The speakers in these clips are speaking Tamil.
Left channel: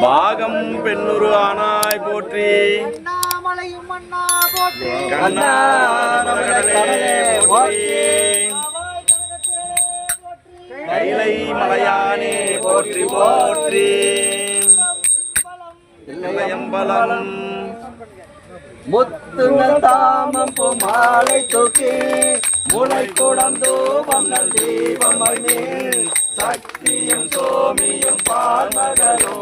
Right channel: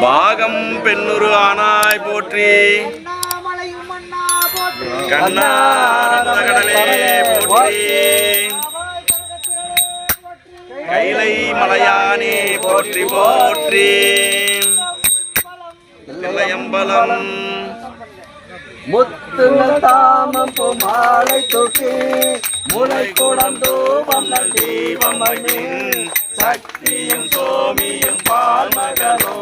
பாகம் பெண்ணுரு ஆனாய் போற்றி. அண்ணாமலையும் அண்ணா போற்றி. கைலை மலையானே போற்றி போற்றி. தில்லையம்பலம் முத்துங்கள் தாமம் மாலை தூக்கி. முளை குடம் தூபம் நல் தீபம் அணி சக்தியும் சோமியும் பால்மகளோ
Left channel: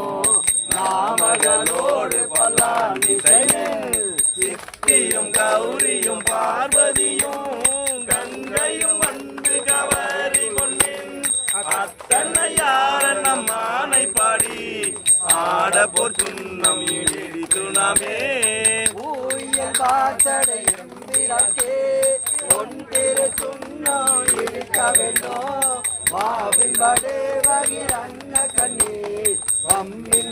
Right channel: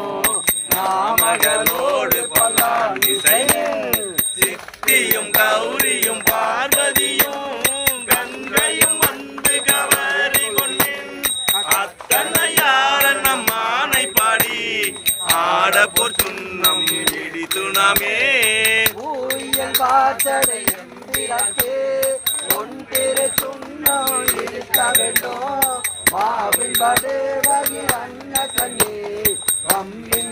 நாமகளோடு பல்லாண்டு சித்தியும் கௌரியும் பார்வதியும் கங்கையும் வந்து கவரி கொண்டின். அத்தனை நம் ஆனை பாடி ஆட பொற்சுண்ணம் இடித்துணமே ஊயல் எந்திரக்கு ஒன்றிரு சுண்ணம் இருக்க வேண்டும் மாவின் வடு வகிர் அன்ன கண்ணீர் வம்பிங்கள்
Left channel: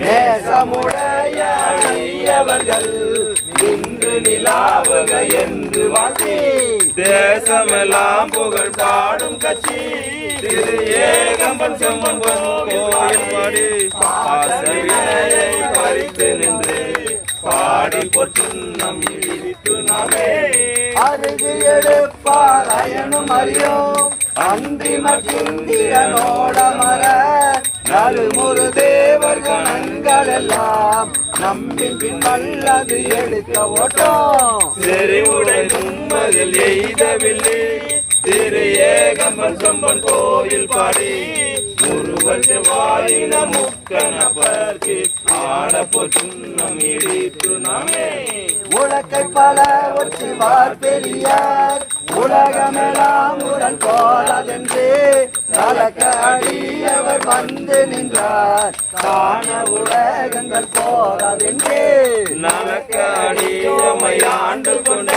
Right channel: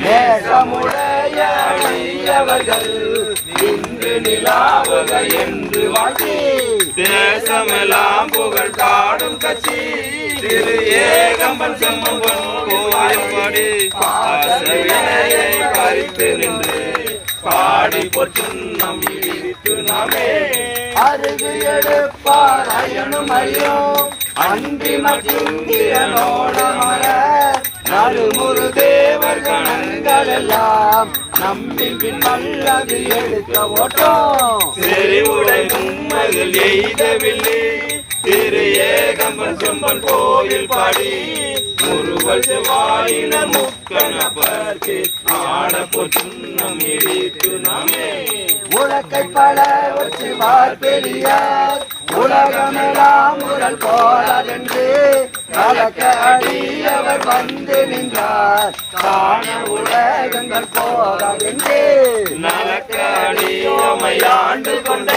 நேசமுடைய அழியவர்கள் இன்று நிலாவுக என்று வாழ்த்தி. தேசமெல்லாம் புகழ் பாடும் கட்சி. திரு ஏகம்பன் செம்மன் கோயில் பாடி பறித்து நின்று பாடி பொற்றுண்ணம் நாமே அருகு எடுப்பார் அயனும் அறியும் அன்றி மற்றுந்தியனோட மர நலுமுறு தேவர் கணங்கள் எல்லாம் நம்பி பின் வல்லது எடுக்க ஓட்டம். செறிவுடை உண்மையில் எய்தவில்லை. திரு ஏகம்பன் செம்மன் கோயில் பாடி. முருகல் செவ்வாயின முக்கணப்பர்க்கு ஆட பொற்றுண்ணம் இடித்து நாமே. உலக்கை பல ஒற்றுவார் பெரியார். உலகமெல்லாம் உரல் போலதென்று கலக்க அடியவர் வந்து நின்றார். காண உலகங்கள் போலதென்று நலக்கடியோமை ஆண்டு கொண்ட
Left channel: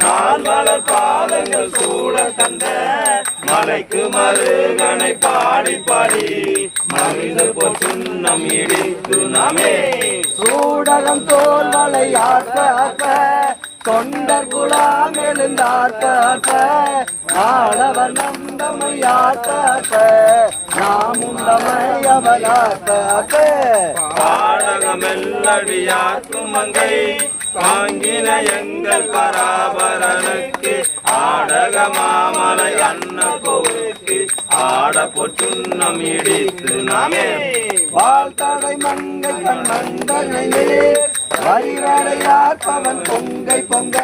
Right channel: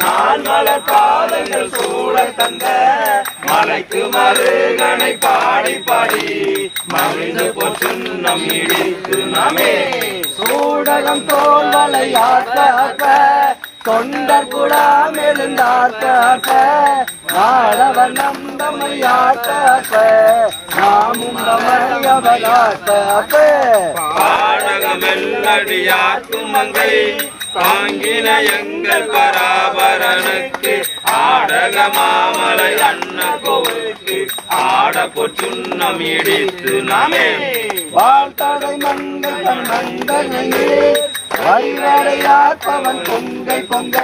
நான் மலர் பாதங்கள் சூழ தந்த மலைக்கு மருகனை பாடி பாடி மகிழ்ந்து பொற்றுண்ணம் இடித்து நாமே. சூடகம் தோல் மலையாட்ட தொண்டர் கூட மெழுந்தாட்ட ஆடவர் நந்தமையாட்ட நாமும் மரியவராட்ட பாடகமெல்லடியாக்கும் மங்கை தாங்கின எங்கள் பராபரனுக்கு ஆடக மாமலை அண்ண கோவுக்கு ஆட பொற்றுண்ணம் இடித்து நாமே வாழ்த்தடை மங்கன் மங்கனே வரிவடையாற்பவன் பொங்கை பொங்க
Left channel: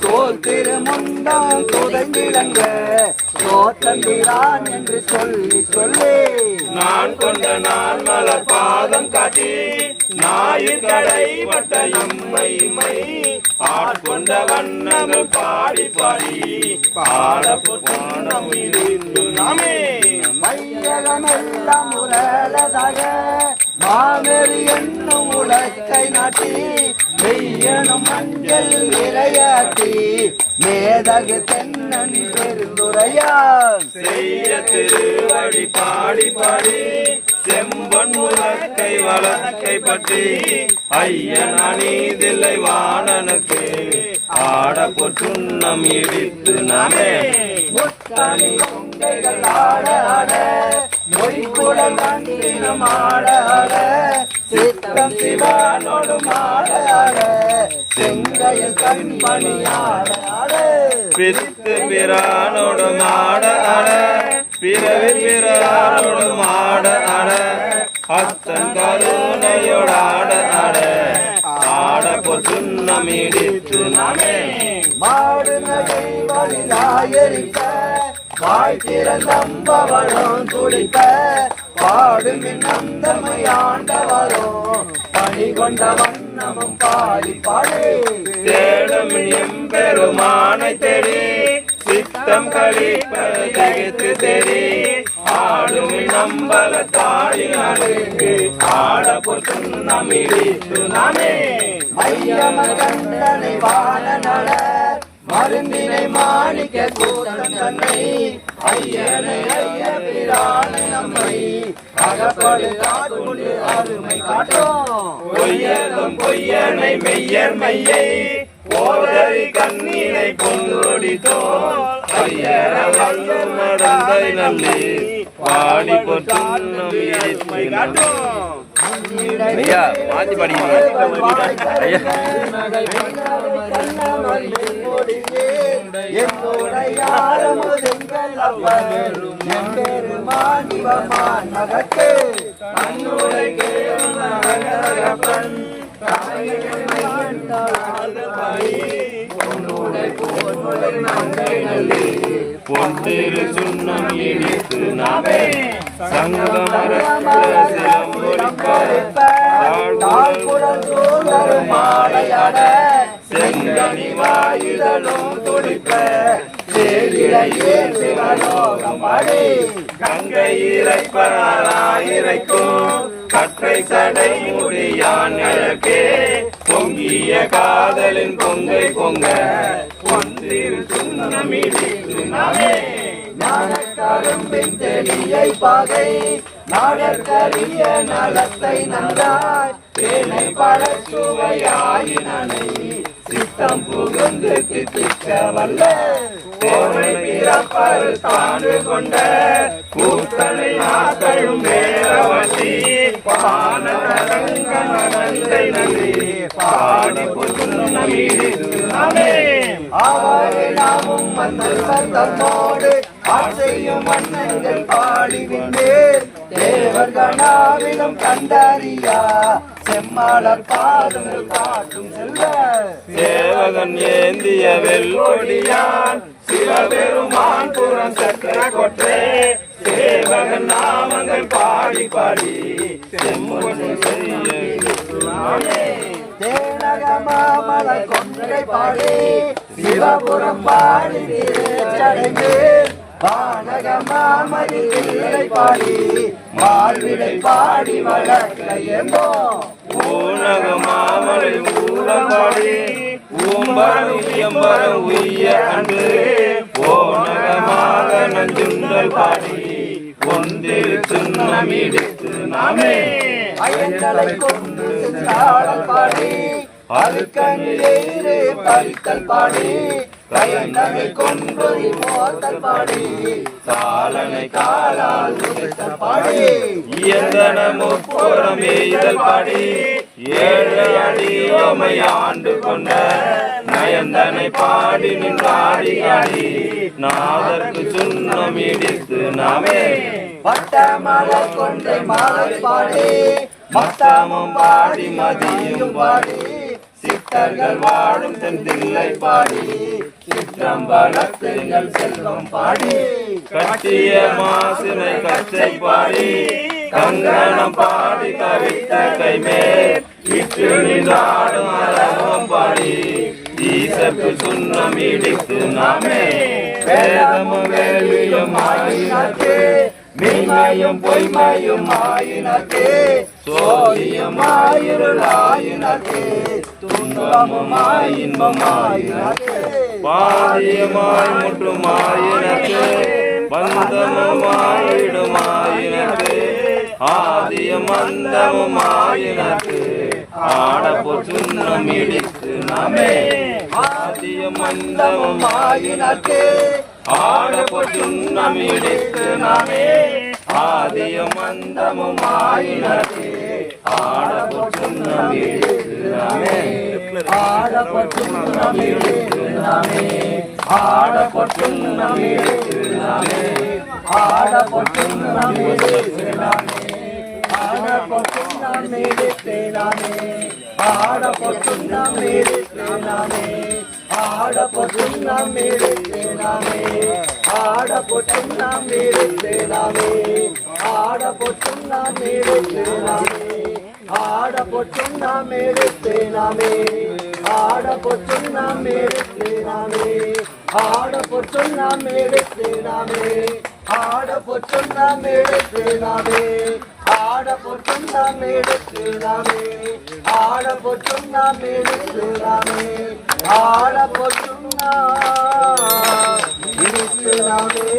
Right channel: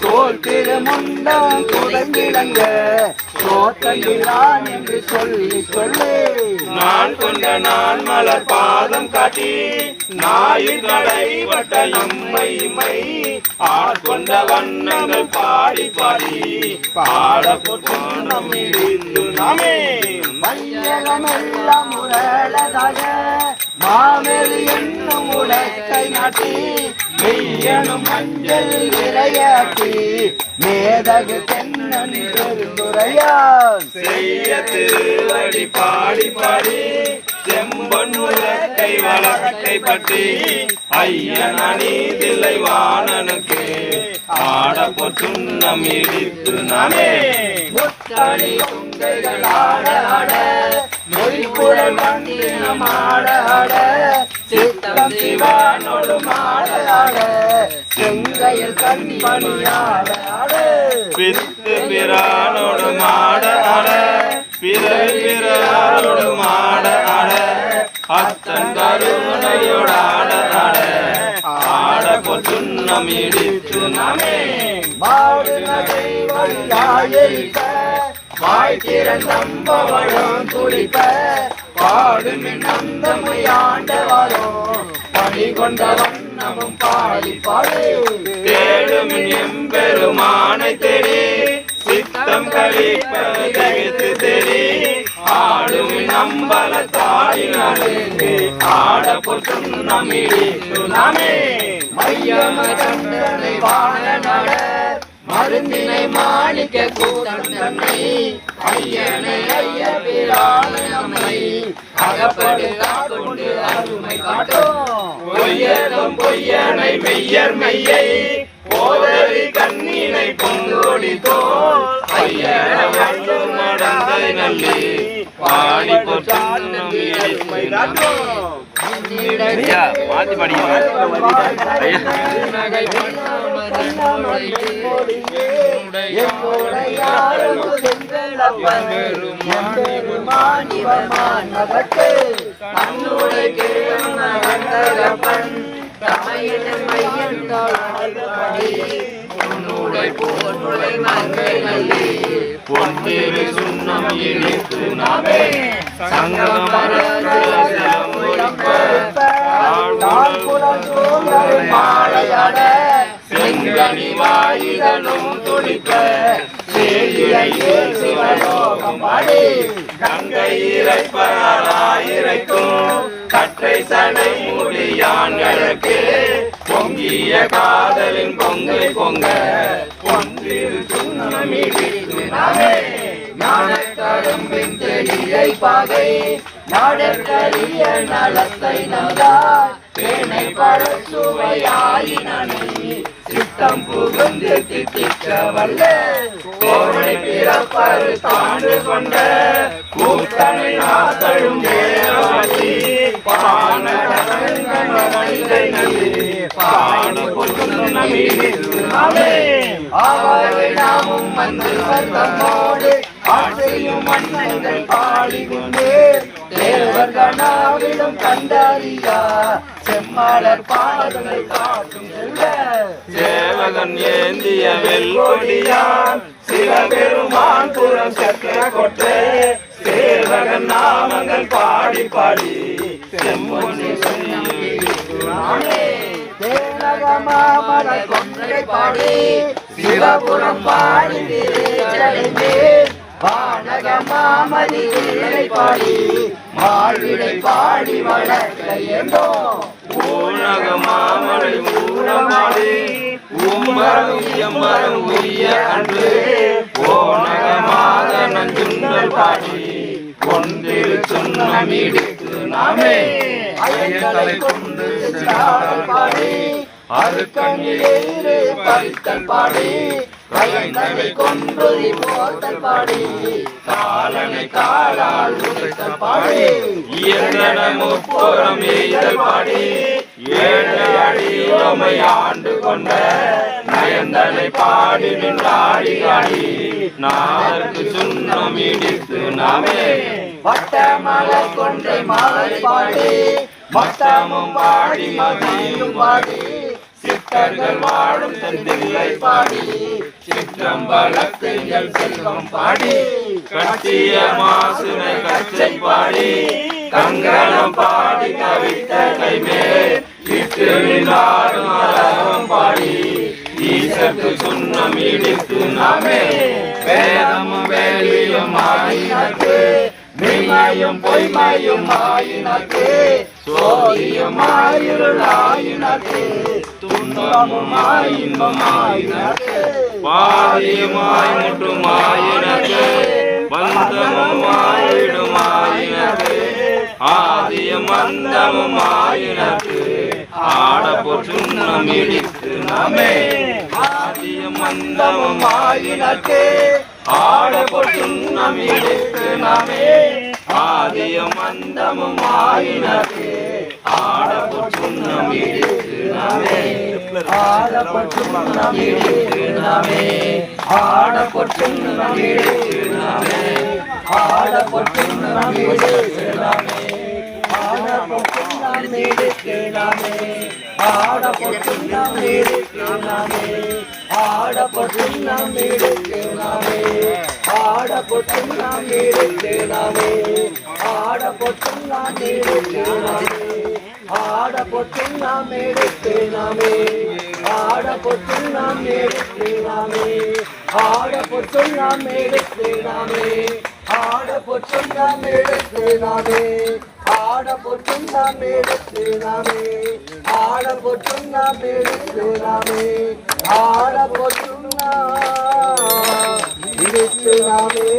தோல் திருமுண்டம் குடங்கிடங்க தோத்தங்கிறான் என்று சொல்லி சொல்லு. நான் கொண்ட நான் மலர் பாதம் காட்டி நாயுகடை வட்ட இம்மை இம்மை ஆட்கொண்ட வண்ணங்கள் பாடி பாடி பாட பொற்றுண்ணம் இடித்து நாமே. மையகமெல்லாம் உரளதாக மாமெரு என்னும் உலக்கை நாட்டி மெய்யனும் மஞ்சள் இரையாட்டி மேதகு தென்னன் பெருந்துரையான் செய்ய திருவடி பாடி பாடி செம்பொன் உலக்கை வழக்கை பற்றி ஐயன் அநீதில்லை வாணனுக்கு ஆட பொற்றுண்ணம் இடித்து நாமே முத்தாடி உங்கைகள் ஆட ஆட. மொழிக்குழல் மந்திரம் ஆட ஆட. சித்தம் ஆட. செங்கையில் கண்மணி ஆட ஆட. பிறவி பிறானோடு மாட அட அத்தன் கருணையோடு ஆட ஆட. பொசுன்னம் இடித்து நாமே. மாடு நகை வழியாயிருக்க வாய் திறந்தம்பவளும் துடிப்ப பாடும் நந்தமை ஆண்டவரும் பணி கொண்ட வண்ணமும் பாடி பாடு தேடும் எம்பெருமானை தெரி சித்தம் கழிப்பது தகித்து தெரி ஆடும் நம்பல தாயினருக்கு ஆட பொசுன்னம் இடித்து நாமே மையம கண்டனை வாழ நட மருந்தினை மாணிக்க கூட்டம் தன்னை ஐயனை ஐய பிரானை நம்மை. அகப்படு காட்டு அருமை காட்டும். பொய்யனை மெய்யர் மெய்யை போதறி கண்ணீனை பொங்கோடி தோல். ஐயன வந்து நடந்தை நல்லி பாடி பொசுன்னம் இடித்து நாமே ஐயா மாத்தி பொன்னிரு சுண்ணம் சங்கம் மாலையட கனிவாயுதலும் வாயிலும் துடிப்ப சேயிலையே சிவயோகம் பாடி. கங்கை இறைப்பராயிரைக்கும் கற்றை சடை முடியான் கிழக்கு பொங்கிய காதலின் பொங்கை பொங்க ஒன்றில் சுண்ணம் இடித்து நாமே. ஞானக்கரும்பின் தெளியை பாகை நாடற்கரிய நலத்தை நந்தாய் பேனை பட சுவையாயினனை சித்தம் புகுந்து கிட்டிக்க வல்ல. கோவை பிறப்பரு தாண்டு கொண்ட கூத்தனை நாதழும் வேரவசி பாடி பொதுநம் இடித்து அவரை நாமும் வந்து வந்தமோடு ஆசையும் மன்னங்கள் பாடிவிந்தேர் தேவர் கணாவிலும் கண்டறியா. செம்மாளர் பாதங்கள் காட்டும் செல்ல சேவகன் ஏந்திய வெல்கொடியான் சில பெருமான் புறம் சக்கர கொட்டே சேவகன் நாமங்கள் பாடி பாடி செம்மொழி தேனகமாமலை கொன்றை பாடி சிவபுரம் பாடி ஊனக மாமலை ஊடமாடி ஊம்பரும் எம்பரும் உய்ய அன்று ஓனகமாக நஞ்சுண்டல் பாடி ஒன்றில் சுண்ணம் இடித்து நாமே. அயங்களை கொண்டு பாடி அருக்கணிலேறு பறித்தல் பாடி. கயந்தனை கொன்றுதி போத்தல் பாடி. காலனை காலால் உதைத்தல் பாடி. இயந்தன முற்புறம் எய்தல் பாடி. ஏழை அடியோமை ஆண்டு கொண்ட நயந்தனை பாடி நின்றாடி அடி. நாளுக்கு சுண்ணம் இடித்து நாமே. பட்ட மலர் கொண்டை மாலை பாடி. மத்தமும் பாடி மதியும் பாடி. சித்தர்கள் வாழும் செந்தில்லை பாடி. சிற்றம்பலத்திங்கள் செல்வம் பாடி. கட்டிய மாசுனை கச்சை பாடி. கங்கணம் பாடி கவித்த கைமேல். விட்டு நின்றாடும் பாடி. ஈசத்து சுண்ணம் இடித்து நாமே. மெய்மையும் பொய்மையும் ஆயினக்கு சோதியும் ஆயிருள் ஆயினக்கு துன்பமும் ஆயின்பம் ஆயினக்கு பாதியமாய் முட்டுமாயினக்கு பந்தமுமாயிடுமாயினக்கு. ஆதியம் அந்தமுமாயினக்கு ஆடப்போர் சுண்ணம் இடித்து நாமே. ஆதியம் அந்தமும் ஆயினக்கு ஆடப்போர் சுண்ணம் இடித்து நாமே ஆதியம் அந்தமும் ஆயினக்கு ஆடப்போர் சுண்ணம் இடித்து நாமே. ஆதியும் அந்தமும் ஆயினதே ஆடப்பட்டும் நமே ஆடப்பட்டும் நமே ஆடப்பட்டும் நமே ஆடப்பட்டும் நமே ஆடப்பட்டும் நாம் எடுக்கலாமே ஆடப்பட்டும் நாம் ఆడపొట్టున్నా మీరిచ్చేనాని ఆడపొట్టున్నా మీరిచ్చేనాని ఆడపొట్టున్నా మీరిచ్చేనాని ఆడపొట్టున్నా మీరిచ్చేనాని ఆడపొట్టున్నా మీరిచ్చేనాని ఆడపొట్టున్నా మీరిచ్చేనాని ఆడబోతున్నా మేడెక్కేదామే ఆడబోతున్నా మేడెక్కేదామే ఆడబోతున్నా మేడెక్కేదామే